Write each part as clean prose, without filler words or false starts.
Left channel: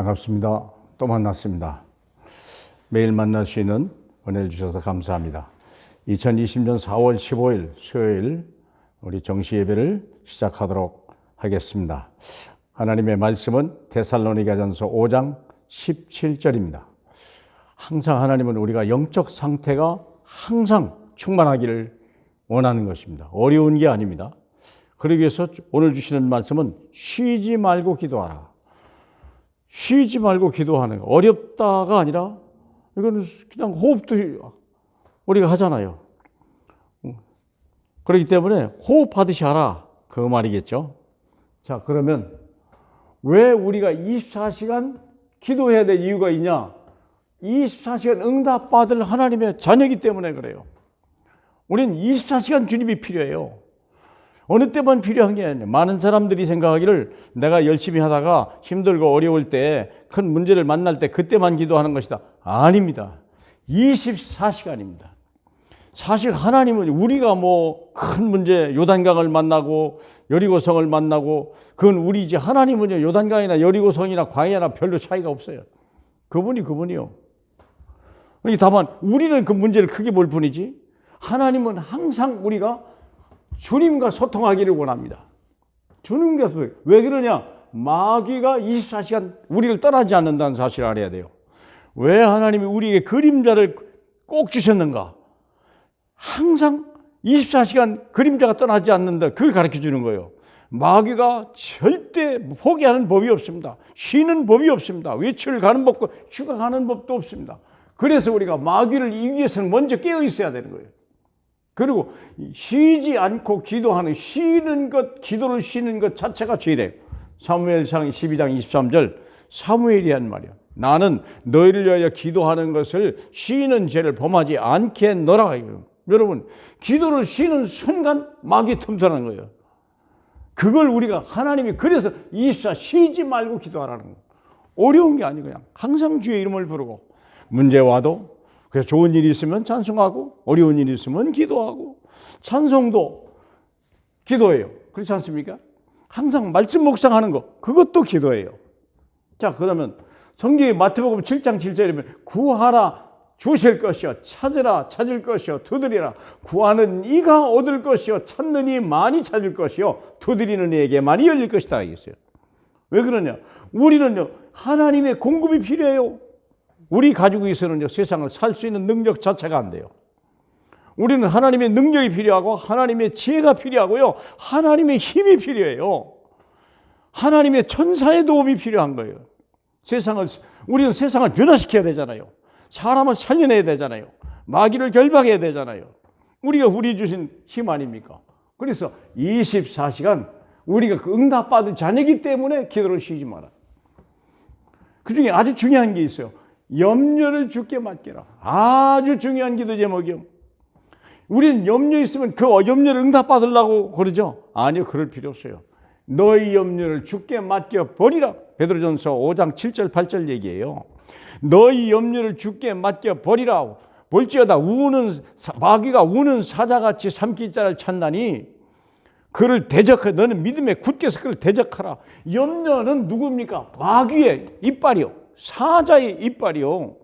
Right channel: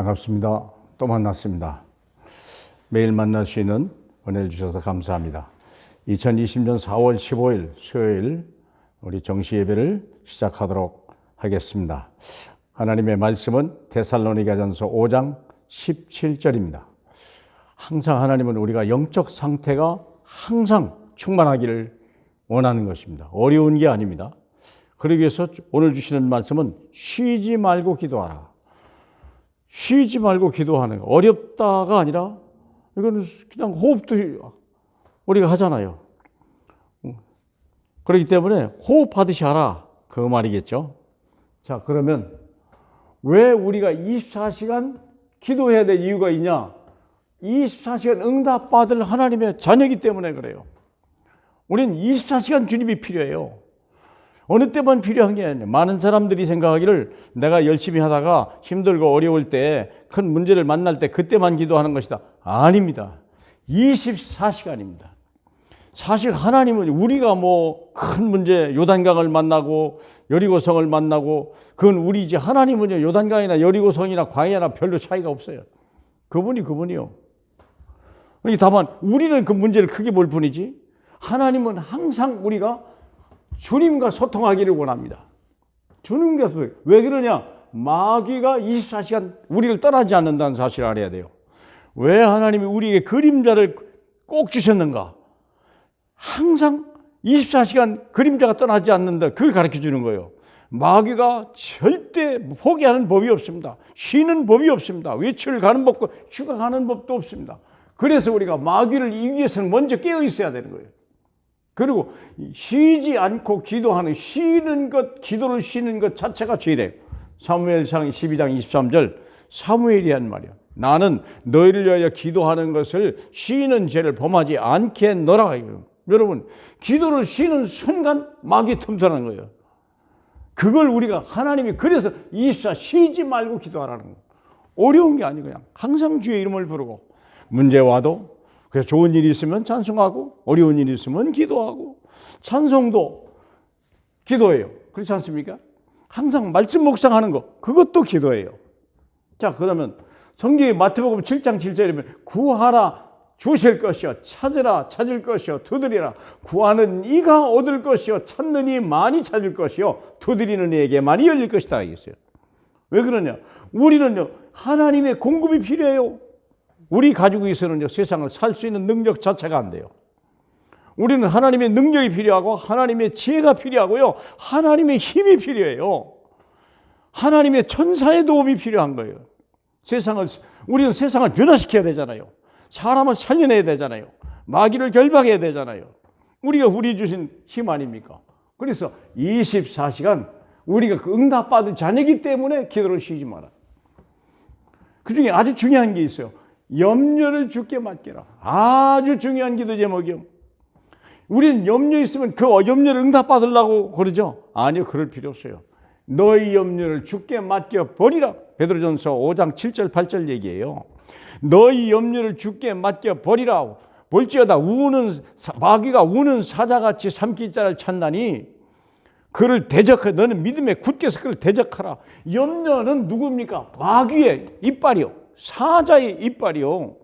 반갑습니다. 또 만났습니다. 매일 만날 수 있는 은혜를 주셔서 감사합니다. 2020년 4월 15일 수요일 우리 정시 예배를 시작하도록 하겠습니다. 하나님의 말씀은 데살로니가전서 5장 17절입니다. 항상 하나님은 우리가 영적 상태가 항상 충만하기를 원하는 것입니다. 어려운 게 아닙니다. 그러기 위해서 오늘 주시는 말씀은 쉬지 말고 기도하라. 쉬지 말고 기도하는 거. 어렵다가 아니라 이건 그냥 호흡도 우리가 하잖아요. 그렇기 때문에 호흡하듯이 하라. 그 말이겠죠. 자, 그러면 왜 우리가 24시간 기도해야 될 이유가 있냐? 24시간 응답받을 하나님의 자녀이기 때문에 그래요. 우리는 24시간 주님이 필요해요. 어느 때만 필요한 게 아니에요. 많은 사람들이 생각하기를 내가 열심히 하다가 힘들고 어려울 때 큰 문제를 만날 때 그때만 기도하는 것이다. 아닙니다. 24시간입니다. 사실 하나님은 우리가 뭐 큰 문제 요단강을 만나고 여리고성을 만나고 그건 우리지, 하나님은요 요단강이나 여리고성이나 광야나 별로 차이가 없어요. 그분이요. 다만 우리는 그 문제를 크게 볼 뿐이지 하나님은 항상 우리가 주님과 소통하기를 원합니다. 주님과 소통. 왜 그러냐? 마귀가 24시간 우리를 떠나지 않는다는 사실을 알아야 돼요. 왜 하나님이 우리에게 그림자를 꼭 주셨는가? 항상 24시간 그림자가 떠나지 않는다. 그걸 가르쳐 주는 거예요. 마귀가 절대 포기하는 법이 없습니다. 쉬는 법이 없습니다. 외출 가는 법과 휴가 가는 법도 없습니다. 그래서 우리가 마귀를 이기기 위해서는 먼저 깨어 있어야 되는 거예요. 그리고 쉬지 않고 기도하는, 쉬는 것, 기도를 쉬는 것 자체가 죄래요. 사무엘상 12장 23절 사무엘이 한 말이야. 나는 너희를 위하여 기도하는 것을 쉬는 죄를 범하지 않겠노라. 여러분, 기도를 쉬는 순간 마귀 틈터는 거예요. 그걸 우리가 하나님이 그래서 24 쉬지 말고 기도하라는 거예요. 어려운 게 아니고 그냥 항상 주의 이름을 부르고 문제 와도 그래서 좋은 일이 있으면 찬송하고 어려운 일이 있으면 기도하고 찬송도 기도예요. 그렇지 않습니까? 항상 말씀 묵상하는 거 그것도 기도예요. 자, 그러면 성경에 마태복음 7장 7절에 보면 구하라 주실 것이요 찾으라 찾을 것이요 두드리라 구하는 이가 얻을 것이요 찾는 이 많이 찾을 것이요 두드리는 이에게 많이 열릴 것이다 이랬어요. 왜 그러냐? 우리는요 하나님의 공급이 필요해요. 우리 가지고 있어서는요 세상을 살 수 있는 능력 자체가 안 돼요. 우리는 하나님의 능력이 필요하고 하나님의 지혜가 필요하고요 하나님의 힘이 필요해요. 하나님의 천사의 도움이 필요한 거예요. 우리는 세상을 변화시켜야 되잖아요. 사람을 살려내야 되잖아요. 마귀를 결박해야 되잖아요. 우리가 우리 주신 힘 아닙니까? 그래서 24시간 우리가 그 응답받은 자녀이기 때문에 기도를 쉬지 마라. 그 중에 아주 중요한 게 있어요. 염려를 주께 맡기라. 아주 중요한 기도 제목이요. 우리는 염려 있으면 그 염려를 응답받으려고 그러죠. 아니요, 그럴 필요 없어요. 너희 염려를 주께 맡겨버리라. 베드로전서 5장 7절 8절 얘기예요. 너희 염려를 주께 맡겨버리라. 볼지어다 마귀가 우는 사자같이 삼킬 자를 찾나니 그를 대적하. 너는 믿음에 굳게서 그를 대적하라. 염려는 누굽니까? 마귀의 이빨이요. 사자의 이빨이요.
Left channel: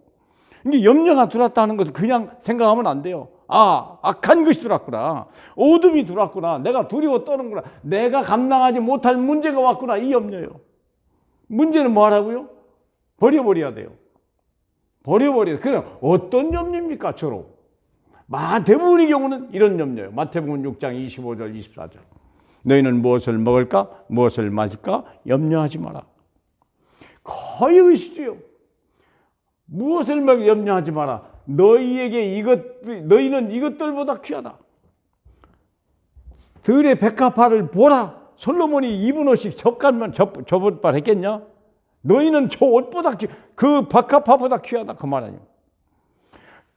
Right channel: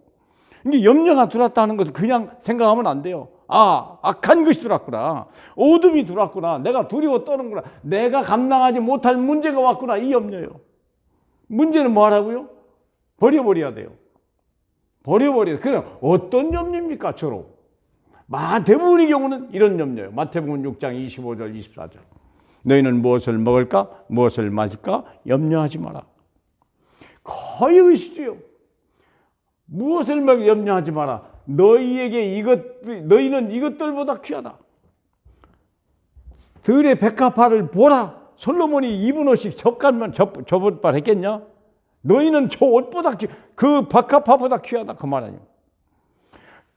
이게 염려가 들어왔다는 것을 그냥 생각하면 안 돼요. 아, 악한 것이 들어왔구나. 어둠이 들어왔구나. 내가 두려워 떠는구나. 내가 감당하지 못할 문제가 왔구나. 이 염려요. 문제는 뭐 하라고요? 버려버려야 돼요. 버려버려야 돼요. 그럼 어떤 염려입니까? 주로. 대부분의 경우는 이런 염려예요. 마태복음 6장 25절 24절. 너희는 무엇을 먹을까? 무엇을 마실까? 염려하지 마라. 거의 의식주요. 무엇을 염려하지 마라. 너희는 이것들보다 귀하다. 들의 백합화를 보라. 솔로몬이 입은 옷이 저번발 했겠냐? 너희는 저 옷보다 그 백합화보다 귀하다. 그 말 아니에요.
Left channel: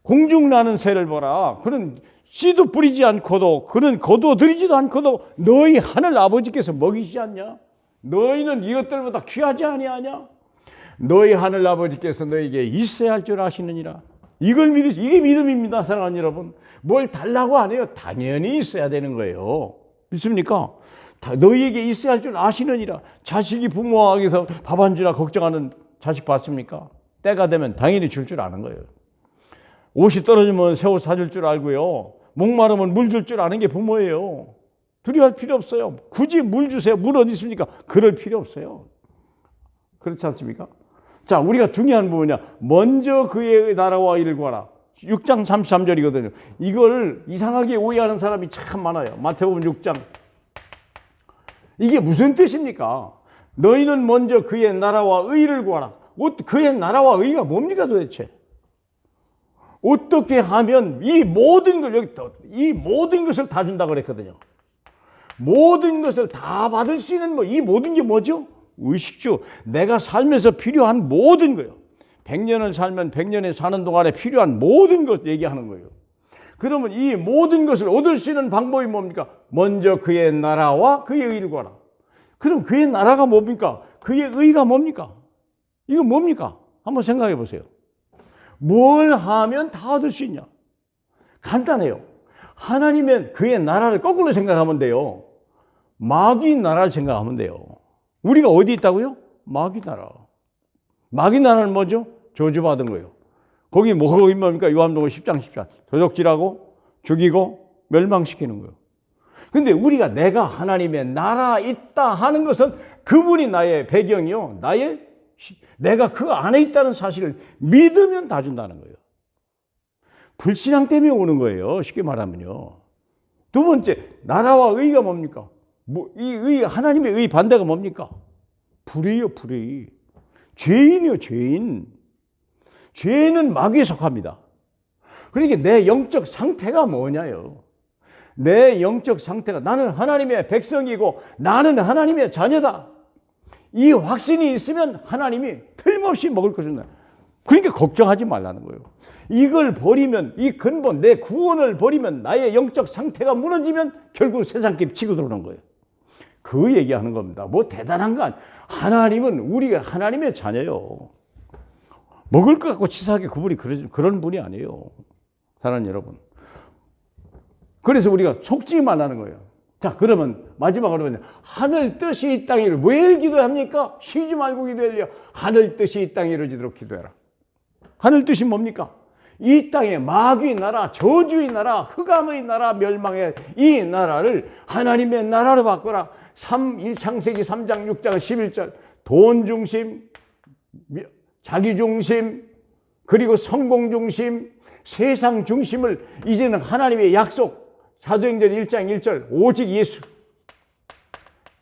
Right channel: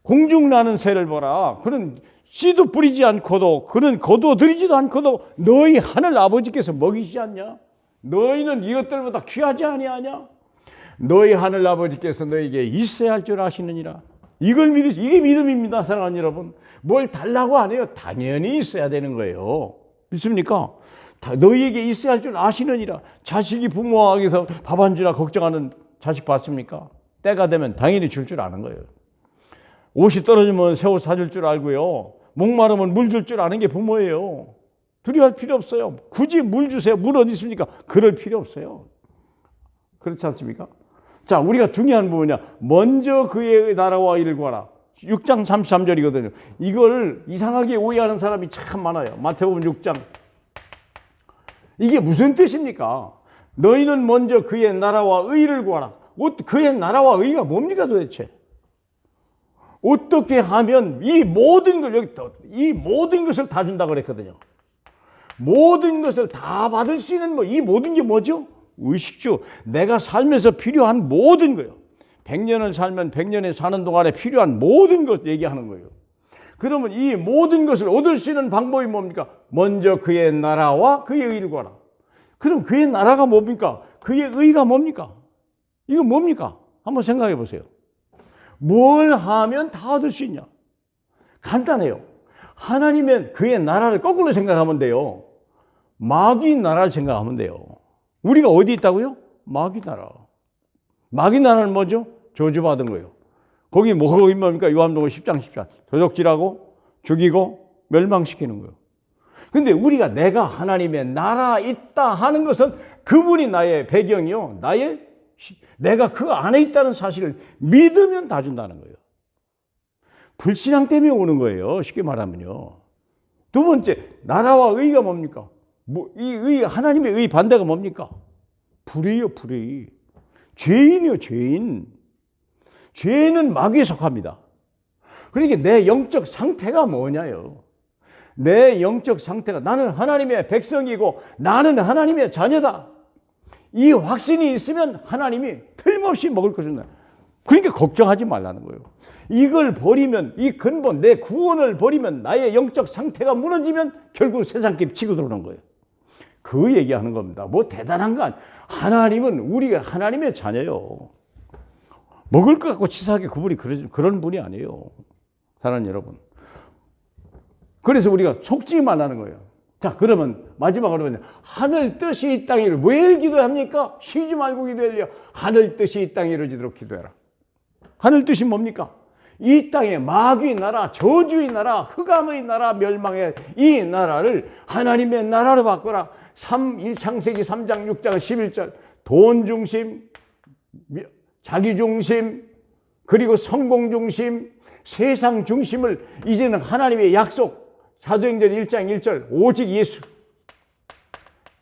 공중 나는 새를 보라. 그는 씨도 뿌리지 않고도 그는 거두어들이지도 않고도 너희 하늘 아버지께서 먹이시지 않냐? 너희는 이것들보다 귀하지 아니하냐? 너희 하늘 아버지께서 너에게 있어야 할 줄 아시느니라. 이걸 이게 믿음입니다, 사랑하는 여러분. 뭘 달라고 안 해요. 당연히 있어야 되는 거예요. 믿습니까? 너희에게 있어야 할 줄 아시느니라. 자식이 부모에게서 밥 안 주라 걱정하는 자식 봤습니까? 때가 되면 당연히 줄 줄 아는 거예요. 옷이 떨어지면 새 옷 사줄 줄 알고요. 목마르면 물 줄 줄 아는 게 부모예요. 두려워할 필요 없어요. 굳이 물 주세요. 물 어디 있습니까? 그럴 필요 없어요. 그렇지 않습니까? 자, 우리가 중요한 부분이야. 먼저 그의 나라와 일을 구하라. 6장 33절이거든요. 이걸 이상하게 오해하는 사람이 참 많아요. 마태복음 6장. 이게 무슨 뜻입니까? 너희는 먼저 그의 나라와 의를 구하라. 그의 나라와 의가 뭡니까 도대체? 어떻게 하면 이 모든 것을 다 준다고 그랬거든요. 모든 것을 다 받을 수 있는 이 모든 게 뭐죠? 의식주. 내가 살면서 필요한 모든 거예요. 100년을 살면 100년에 사는 동안에 필요한 모든 것 얘기하는 거예요. 그러면 이 모든 것을 얻을 수 있는 방법이 뭡니까? 먼저 그의 나라와 그의 의를 구하라. 그럼 그의 나라가 뭡니까? 그의 의가 뭡니까? 이거 뭡니까? 한번 생각해 보세요. 뭘 하면 다 얻을 수 있냐? 간단해요. 하나님은 그의 나라를 거꾸로 생각하면 돼요. 마귀 나라를 생각하면 돼요. 우리가 어디 있다고요? 마귀 나라. 마귀 나라는 뭐죠? 저주받은 거예요. 거기 뭡니까? 요한복음 10장 10절. 도적질하고 죽이고 멸망시키는 거예요. 근데 우리가 내가 하나님의 나라 있다 하는 것은 그분이 나의 배경이요. 내가 그 안에 있다는 사실을 믿으면 다 준다는 거예요. 불신앙 때문에 오는 거예요. 쉽게 말하면요. 두 번째, 나라와 의가 뭡니까? 하나님의 의 반대가 뭡니까? 불의요, 불의. 죄인이요, 죄인. 죄는 마귀에 속합니다. 그러니까 내 영적 상태가 뭐냐요? 내 영적 상태가 나는 하나님의 백성이고 나는 하나님의 자녀다. 이 확신이 있으면 하나님이 틀림없이 먹을 거 준다. 그러니까 걱정하지 말라는 거예요. 이걸 버리면, 이 근본, 내 구원을 버리면 나의 영적 상태가 무너지면 결국 세상길 치고 들어오는 거예요. 그 얘기하는 겁니다. 뭐 대단한 건 하나님은 우리가 하나님의 자녀요. 먹을 것 갖고 치사하게 그분이 그런 분이 아니에요. 사랑하는 여러분. 그래서 우리가 속지 말라는 거예요. 자, 그러면 마지막으로 하늘 뜻이 이 땅에 왜 기도합니까? 쉬지 말고 기도하려. 하늘 뜻이 이 땅에 이루어지도록 기도해라. 하늘 뜻이 뭡니까? 이 땅에 마귀의 나라, 저주의 나라, 흑암의 나라, 멸망의 이 나라를 하나님의 나라로 바꿔라. 1창세기 3장 6장 11절 돈 중심, 자기 중심, 그리고 성공 중심, 세상 중심을 이제는 하나님의 약속, 사도행전 1장 1절 오직 예수,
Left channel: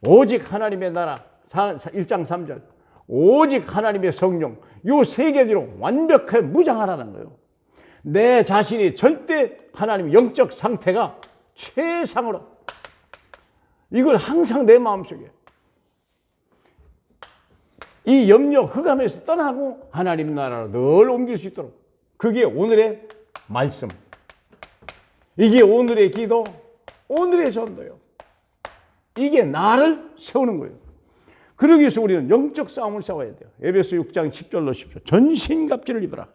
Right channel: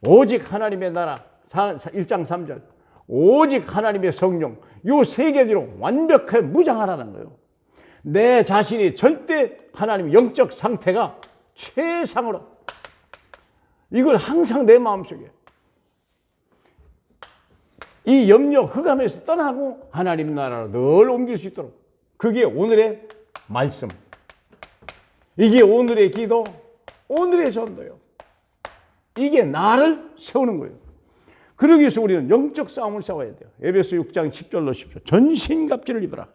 오직 하나님의 나라 1장 3절 오직 하나님의 성령, 요 세 개로 완벽하게 무장하라는 거예요. 내 자신이 절대 하나님의 영적 상태가 최상으로, 이걸 항상 내 마음속에 이 염려 흑암에서 떠나고 하나님 나라로 늘 옮길 수 있도록, 그게 오늘의 말씀, 이게 오늘의 기도, 오늘의 전도요. 이게 나를 세우는 거예요. 그러기 위해서 우리는 영적 싸움을 싸워야 돼요. 에베소 6장 10절로 10절 전신갑주를 입어라.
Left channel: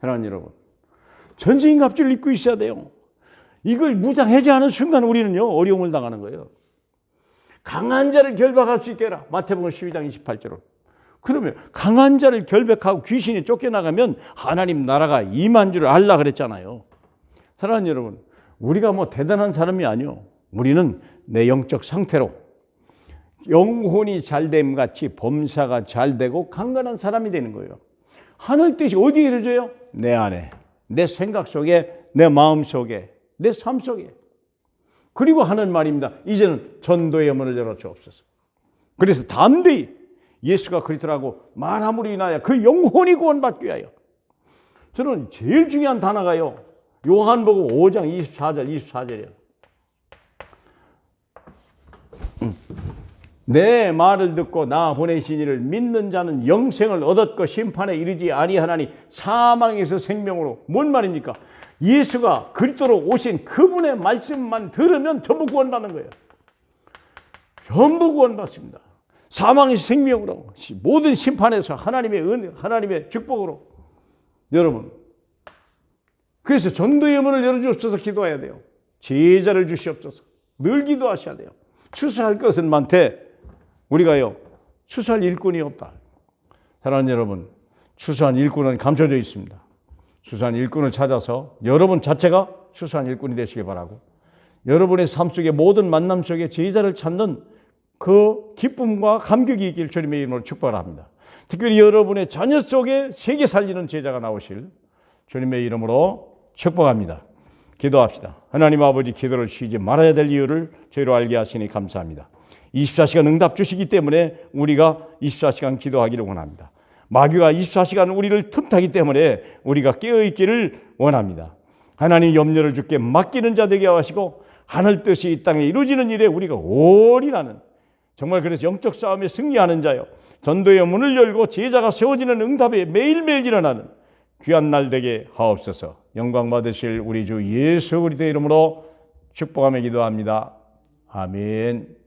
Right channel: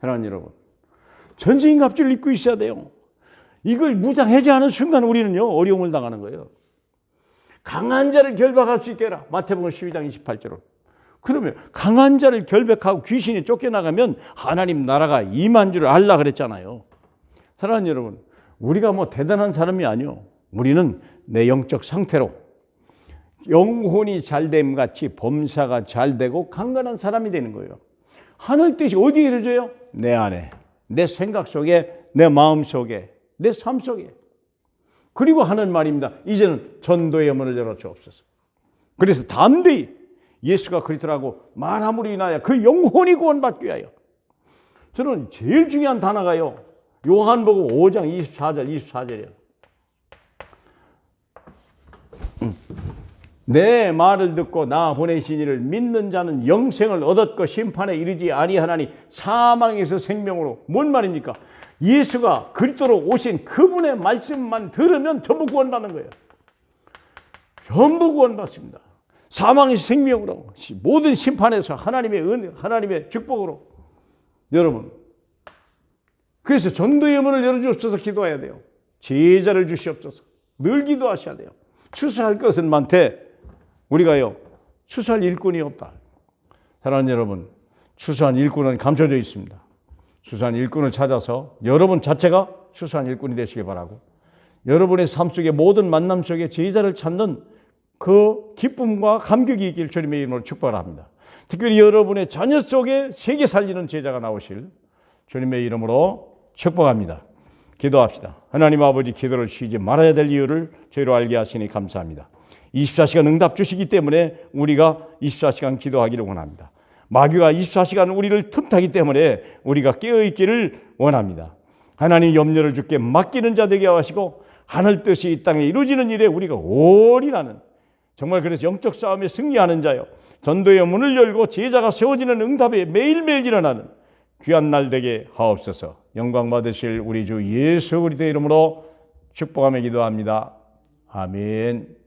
사랑하는 여러분, 전신갑주를 입고 있어야 돼요. 이걸 무장하지 않은 순간 우리는요 어려움을 당하는 거예요. 강한 자를 결박할 수 있게 해라. 마태복음 12장 28절로. 그러면 강한 자를 결박하고 귀신이 쫓겨나가면 하나님 나라가 임한 줄 알라 그랬잖아요. 사랑하는 여러분, 우리가 뭐 대단한 사람이 아니요. 우리는 내 영적 상태로 영혼이 잘됨 같이 범사가 잘되고 강건한 사람이 되는 거예요. 하늘 뜻이 어디에 이루어져요? 내 안에, 내 생각 속에, 내 마음 속에, 내 삶 속에. 그리고 하는 말입니다. 이제는 전도의 문을 열어 주옵소서. 그래서 담대히 예수가 그리스도라고 말함으로 인하여 그 영혼이 구원받기 위하여. 저는 제일 중요한 단어가요, 요한복음 5장 24절이에요. 내 말을 듣고 나 보내신 이를 믿는 자는 영생을 얻었고 심판에 이르지 아니하나니 사망에서 생명으로. 뭔 말입니까? 예수가 그리스도로 오신 그분의 말씀만 들으면 전부 구원받는 거예요. 전부 구원받습니다. 사망에서 생명으로, 모든 심판에서 하나님의 은혜, 하나님의 축복으로. 여러분, 그래서 전도의 문을 열어주옵소서 기도해야 돼요. 제자를 주시옵소서. 늘 기도하셔야 돼요. 추수할 것은 많되 우리가요 추수할 일꾼이 없다. 사랑하는 여러분, 추수한 일꾼은 감춰져 있습니다. 추수한 일꾼을 찾아서 여러분 자체가 추수한 일꾼이 되시길 바라고, 여러분의 삶 속에 모든 만남 속에 제자를 찾는 그 기쁨과 감격이 있길 주님의 이름으로 축복합니다. 특별히 여러분의 자녀 속에 세계 살리는 제자가 나오실 주님의 이름으로 축복합니다. 기도합시다. 하나님 아버지, 기도를 쉬지 말아야 될 이유를 저희로 알게 하시니 감사합니다. 24시간 응답 주시기 때문에 우리가 24시간 기도하기를 원합니다. 마귀가 24시간 우리를 틈타기 때문에 우리가 깨어있기를 원합니다. 하나님 염려를 주께 맡기는 자 되게 하시고, 하늘 뜻이 이 땅에 이루어지는 일에 우리가 올인하는, 정말 그래서 영적 싸움에 승리하는 자요, 전도의 문을 열고 제자가 세워지는 응답에 매일매일 일어나는 귀한 날 되게 하옵소서. 영광 받으실 우리 주 예수 그리스도의 이름으로 축복하며 기도합니다. 아멘.